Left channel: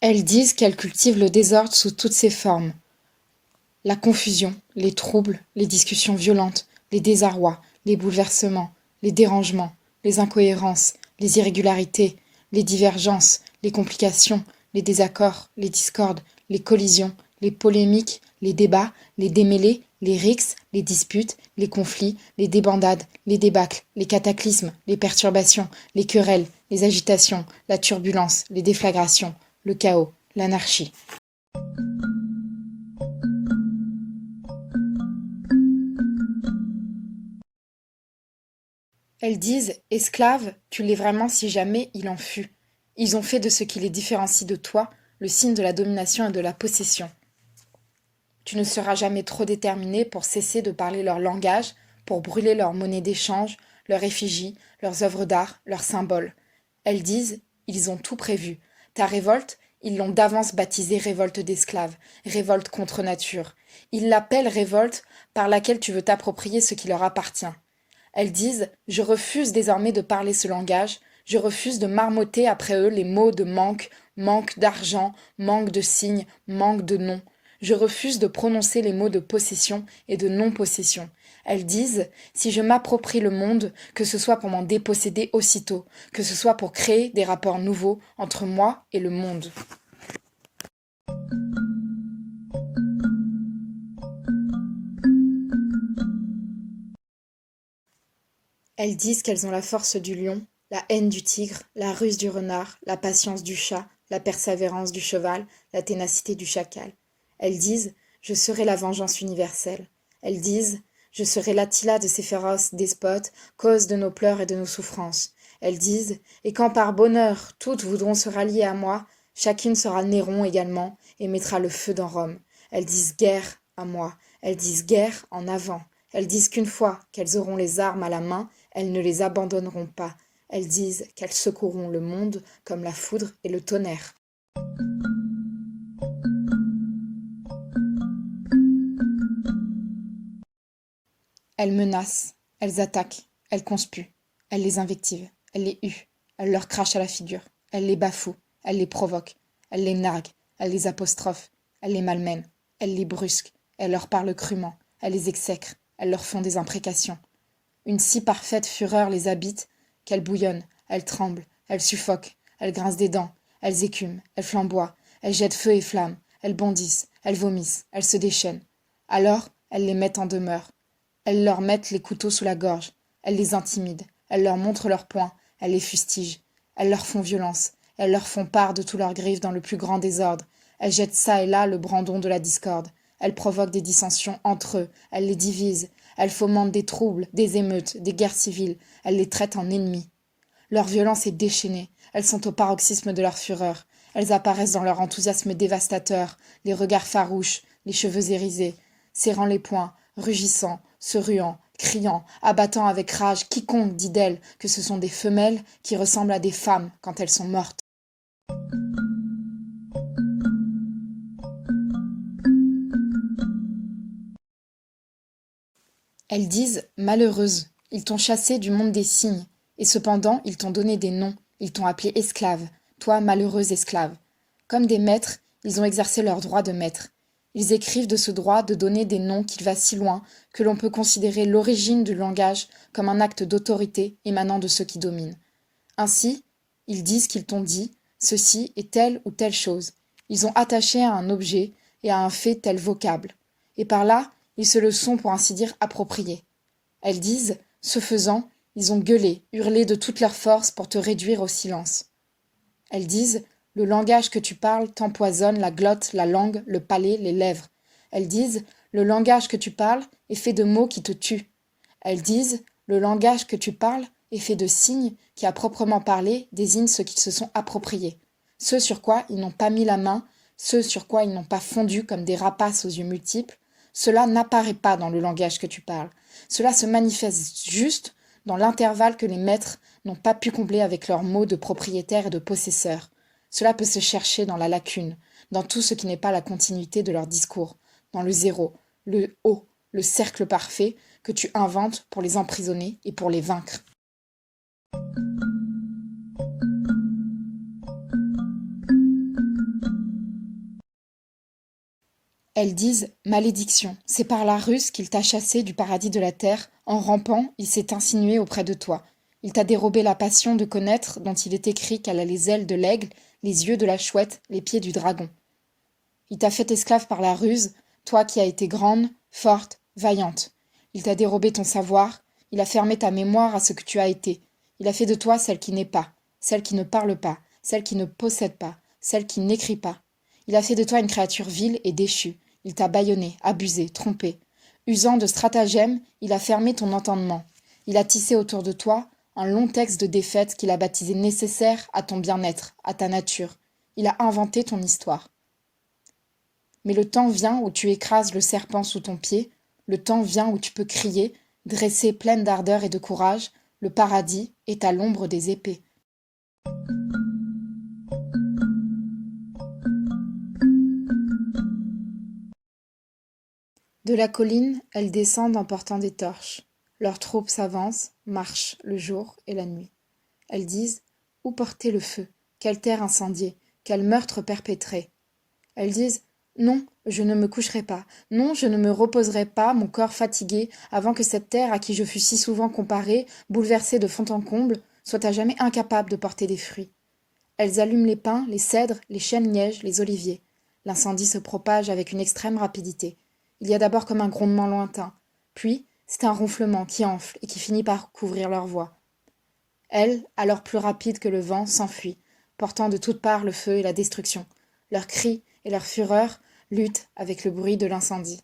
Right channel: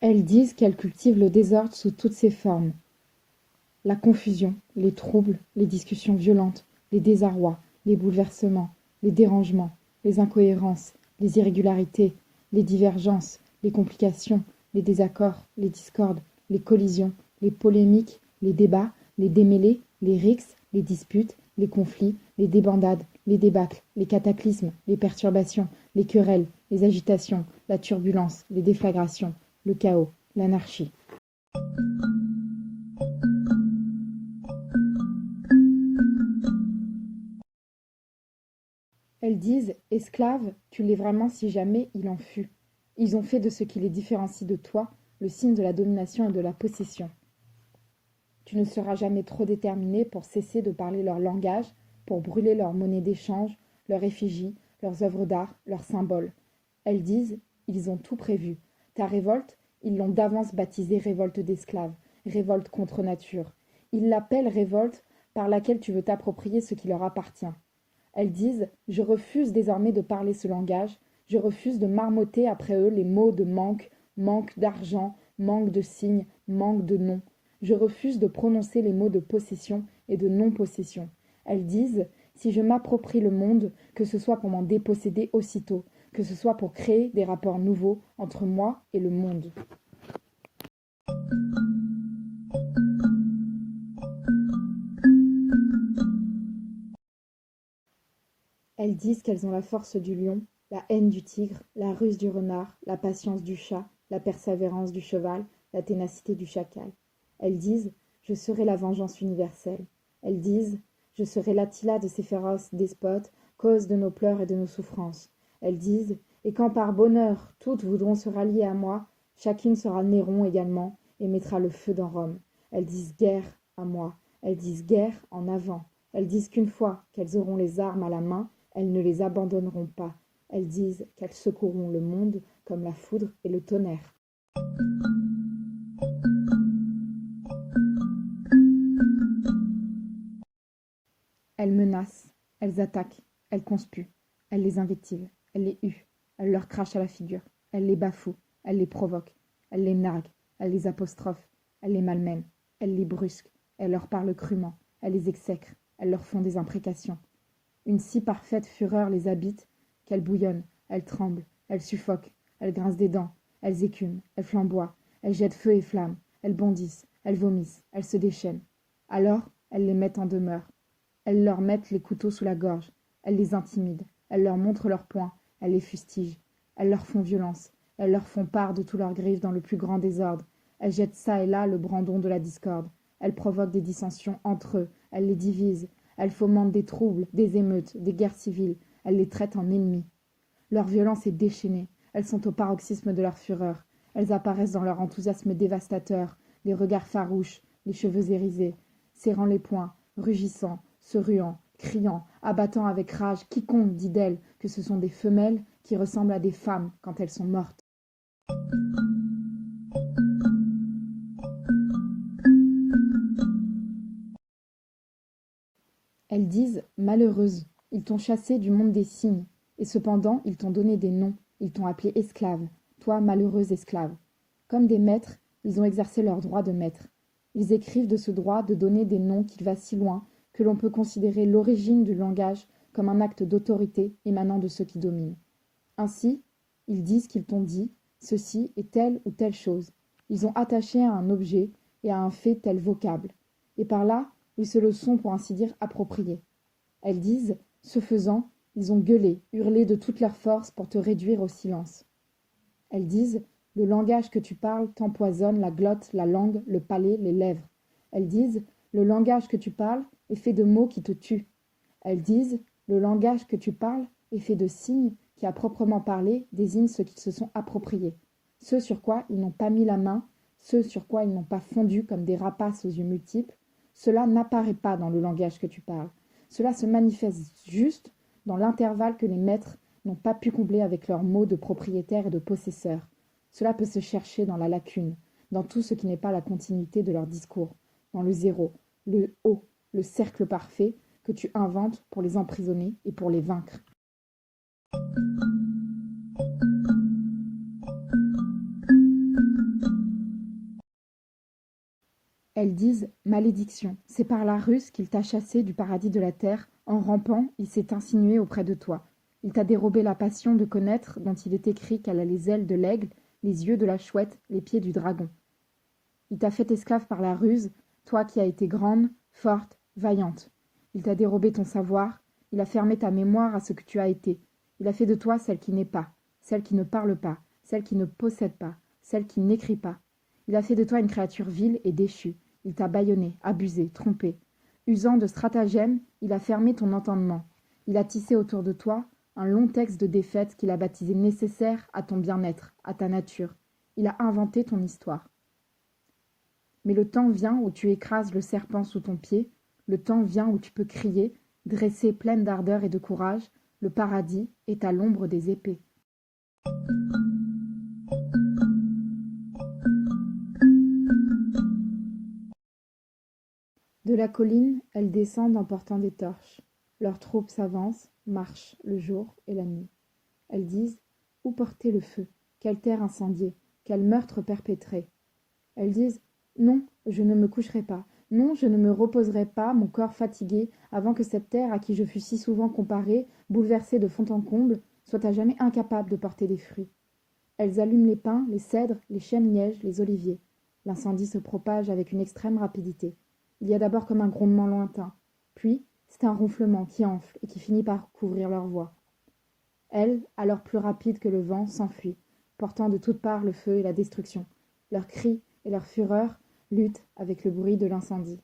Elles disent qu'elles cultivent le désordre sous toutes ses formes. La confusion, les troubles, les discussions violentes, les désarrois, les bouleversements, les dérangements, les incohérences, les irrégularités, les divergences, les complications, les désaccords, les discordes, les collisions, les polémiques, les débats, les démêlés, les rixes, les disputes, les conflits, les débandades, les débâcles, les cataclysmes, les perturbations, les querelles, les agitations, la turbulence, les déflagrations, le chaos, l'anarchie. Elles disent: esclave, tu l'es vraiment si jamais il en fut. Ils ont fait de ce qui les différencie de toi le signe de la domination et de la possession. Tu ne seras jamais trop déterminé pour cesser de parler leur langage, pour brûler leur monnaie d'échange, leurs effigies, leurs œuvres d'art, leurs symboles. Elles disent: ils ont tout prévu. Ta révolte, ils l'ont d'avance baptisée révolte d'esclaves, révolte contre nature. Ils l'appellent révolte par laquelle tu veux t'approprier ce qui leur appartient. Elles disent: je refuse désormais de parler ce langage, je refuse de marmotter après eux les mots de manque, manque d'argent, manque de signes, manque de nom. Je refuse de prononcer les mots de possession et de non-possession. Elles disent: si je m'approprie le monde, que ce soit pour m'en déposséder aussitôt, que ce soit pour créer des rapports nouveaux entre moi et le monde. Elles disent qu'elles ont la force du lion, la haine du tigre, la ruse du renard, la patience du chat, la persévérance du cheval, la ténacité du chacal. Elles disent: je serai la vengeance universelle. Elles disent: je serai l'Attila de ces féroces despotes, cause de nos pleurs et de nos souffrances. Elles disent: et quand par bonheur toutes voudront se rallier à moi, chacune sera Néron également et mettra le feu dans Rome. Elles disent guerre à moi, elles disent guerre en avant. Elles disent qu'une fois qu'elles auront les armes à la main, elles ne les abandonneront pas. Elles disent qu'elles secourront le monde comme la foudre et le tonnerre. Elles menacent, elles attaquent, elles conspuent, elles les invectivent, elles les huent, elles leur crachent à la figure, elles les bafouent, elles les provoquent, elles les narguent, elles les apostrophent, elles les malmènent, elles les brusquent, elles leur parlent crûment, elles les exècrent, elles leur font des imprécations. Une si parfaite fureur les habite qu'elles bouillonnent, elles tremblent, elles suffoquent, elles grincent des dents, elles écument, elles flamboient, elles jettent feu et flamme, elles bondissent, elles vomissent, elles se déchaînent. Alors, elles les mettent en demeure. Elles leur mettent les couteaux sous la gorge, elles les intimident, elles leur montrent leurs poings, elles les fustigent, elles leur font violence, elles leur font part de tous leurs griffes dans le plus grand désordre, elles jettent çà et là le brandon de la discorde, elles provoquent des dissensions entre eux, elles les divisent, elles fomentent des troubles, des émeutes, des guerres civiles, elles les traitent en ennemis. Leur violence est déchaînée, elles sont au paroxysme de leur fureur, elles apparaissent dans leur enthousiasme dévastateur, les regards farouches, les cheveux hérissés, serrant les poings, rugissant, se ruant, criant, abattant avec rage quiconque dit d'elles que ce sont des femelles qui ressemblent à des femmes quand elles sont mortes. Elles disent: malheureuse, ils t'ont chassée du monde des signes, et cependant ils t'ont donné des noms, ils t'ont appelée esclave, toi malheureuse esclave. Comme des maîtres, ils ont exercé leur droit de maître. Ils écrivent de ce droit de donner des noms qu'il va si loin que l'on peut considérer l'origine du langage comme un acte d'autorité émanant de ceux qui dominent. Ainsi, ils disent qu'ils t'ont dit: ceci est telle ou telle chose. Ils ont attaché à un objet et à un fait tel vocable. Et par là, ils se le sont pour ainsi dire appropriés. Elles disent: ce faisant, ils ont gueulé, hurlé de toute leur force pour te réduire au silence. Elles disent: le langage que tu parles t'empoisonne la glotte, la langue, le palais, les lèvres. Elles disent: le langage que tu parles est fait de mots qui te tuent. Elles disent: le langage que tu parles est fait de signes qui, à proprement parler, désignent ceux qui se sont appropriés, ceux sur quoi ils n'ont pas mis la main, ceux sur quoi ils n'ont pas fondu comme des rapaces aux yeux multiples. Cela n'apparaît pas dans le langage que tu parles. Cela se manifeste juste dans l'intervalle que les maîtres n'ont pas pu combler avec leurs mots de propriétaire et de possesseur. Cela peut se chercher dans la lacune, dans tout ce qui n'est pas la continuité de leur discours, dans le zéro, le haut, le cercle parfait que tu inventes pour les emprisonner et pour les vaincre. Elles disent « malédiction ». C'est par la ruse qu'il t'a chassé du paradis de la terre. En rampant, il s'est insinué auprès de toi. Il t'a dérobé la passion de connaître dont il est écrit qu'elle a les ailes de l'aigle, les yeux de la chouette, les pieds du dragon. Il t'a fait esclave par la ruse, toi qui as été grande, forte, vaillante. Il t'a dérobé ton savoir, il a fermé ta mémoire à ce que tu as été. Il a fait de toi celle qui n'est pas, celle qui ne parle pas, celle qui ne possède pas, celle qui n'écrit pas. Il a fait de toi une créature vile et déchue. Il t'a bâillonné, abusé, trompé. Usant de stratagèmes, il a fermé ton entendement. Il a tissé autour de toi un long texte de défaite qu'il a baptisé nécessaire à ton bien-être, à ta nature. Il a inventé ton histoire. Mais le temps vient où tu écrases le serpent sous ton pied, le temps vient où tu peux crier, dressée pleine d'ardeur et de courage, le paradis est à l'ombre des épées. De la colline, elles descendent en portant des torches. Leurs troupes s'avancent, marchent le jour et la nuit. Elles disent « Où porter le feu? Quelle terre incendiée? Quel meurtre perpétré ?» Elles disent « Non, je ne me coucherai pas. Non, je ne me reposerai pas, mon corps fatigué, avant que cette terre à qui je fus si souvent comparée, bouleversée de fond en comble, soit à jamais incapable de porter des fruits. » Elles allument les pins, les cèdres, les chênes-lièges, les oliviers. L'incendie se propage avec une extrême rapidité. Il y a d'abord comme un grondement lointain. Puis, c'est un ronflement qui enfle et qui finit par couvrir leur voix. Elles, alors plus rapides que le vent, s'enfuient, portant de toutes parts le feu et la destruction. Leurs cris et leur fureur luttent avec le bruit de l'incendie.